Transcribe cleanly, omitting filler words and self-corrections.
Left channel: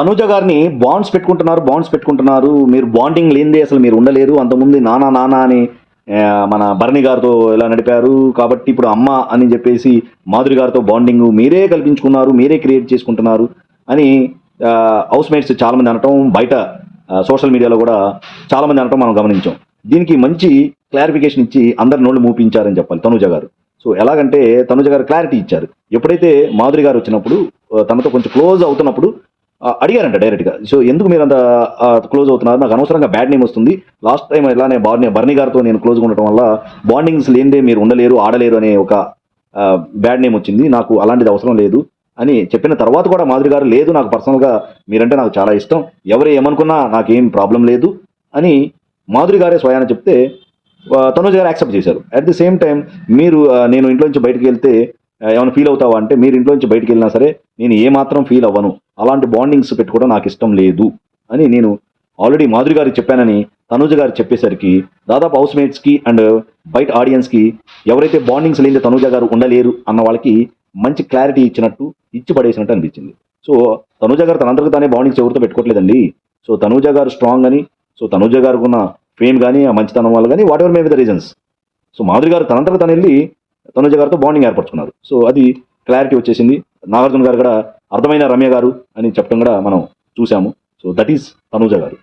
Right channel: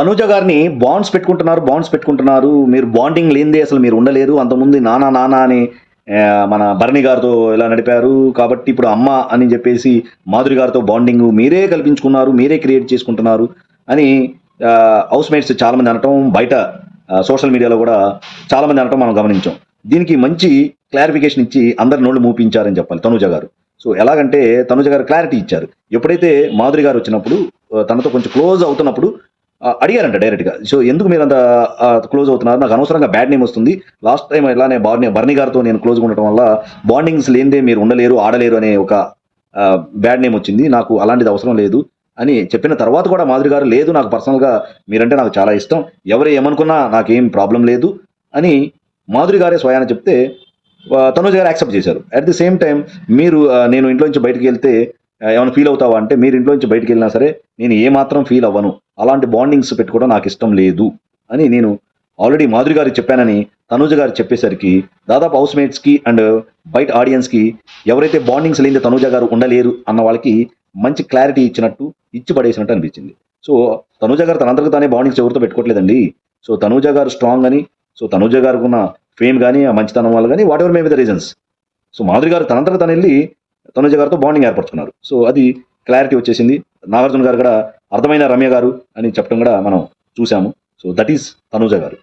తనూజ గారిని బాండ్స్ పెట్టుకుంటున్నారు, మీరు బాండింగ్ లేనిదే అసలు మీరు ఉండలేదు. అంతకుముందు నానా నానా అని మన భరణి గారితో ఇలా నడిపారు కాబట్టి ఇప్పుడు అమ్మ అని చెప్పేసి మాధురి గారితో బాండింగ్ మీరే కల్పించుకున్నారు, మీరే క్రియేట్ చేసుకుంటున్నారు అని హౌస్ మేట్స్ చాలా మంది అనటం, బయట సోషల్ మీడియాలో కూడా చాలా మంది అనటం మనం గమనించాం. దీనికి మంచి క్లారిఫికేషన్ ఇచ్చి అందరి నోళ్ళు మూపించారని చెప్పాలి తనూజ గారు. సో ఎలాగంటే తనూజ గారు క్లారిటీ ఇచ్చారు. ఎప్పుడైతే మాధురి గారు వచ్చినప్పుడు తనతో కొంచెం క్లోజ్ అవుతున్నప్పుడు అడిగారంట డైరెక్ట్ గా. సో ఎందుకు మీరు అంత క్లోజ్ అవుతున్నారు, నాకు అనవసరంగా బ్యాడ్ నేమ్ వస్తుంది, లాస్ట్ టైం ఇలానే బర్నీ గారితో నేను క్లోజ్ ఉండటం వల్ల బాండింగ్స్ లేనిదే మీరు ఉండలేరు ఆడలేరు అనే ఒక బ్యాడ్ నేమ్ వచ్చింది, నాకు అలాంటిది అవసరం లేదు అని చెప్పిన తర్వాత కూడా మాధురి గారు లేదు, నాకు పర్సనల్ గా మీరంటే నాకు చాలా ఇష్టం, ఎవరు ఏమనుకున్నా నాకేం ప్రాబ్లం లేదు అని మాధురి గారే స్వయాన చెప్తే తనూజ గారు యాక్సెప్ట్ చేశారు. అట్ ది సేమ్ టైం మీరు నేను ఇంట్లో నుంచి బయటకు వెళ్తే ఏమైనా ఫీల్ అవుతావా అంటే, మీరు ఇంట్లో నుంచి బయటకు వెళ్ళినా సరే నేను ఏ మాత్రం ఫీల్ అవ్వను, అలాంటి బాండింగ్స్ పెట్టుకోవడం నాకు ఇష్టం లేదు అని నేను ఆల్రెడీ మాధురి గారికి చెప్పానని తనూజ గారు చెప్పేసరికి దాదాపు హౌస్ మేట్స్ కి అండ్ బయట ఆడియన్స్ కి ఎవరైతే బాండింగ్స్ లేని తనూజ గారు ఉండలేరు అన్న వాళ్ళకి మంచి క్లారిటీ ఇచ్చి పడేసినట్టు అనిపించింది. సో తనూజ గారు తనంతకు తానే బాండింగ్స్ ఎవరితో పెట్టుకోవట్లేదండి. సో తనూజ గారు స్ట్రాంగ్ అని, సో తనూజ గారికి ఉన్న ఫేమ్ కానీ ఆ మంచితనం వల్ల కానీ what ever may be the reasons, so Madhuri గారు తనంతకు తను వెళ్ళి తనూజ గారితో బాండింగ్ ఏర్పరచుకున్నారు. సో అది క్లారిటీ వచ్చేసింది. నాగార్జున గారు కూడా అర్థమైన రమ్య గారు అని చెప్పడం కూడా మనం చూసాము. సో దట్ ఈస్ తనూజ గారు.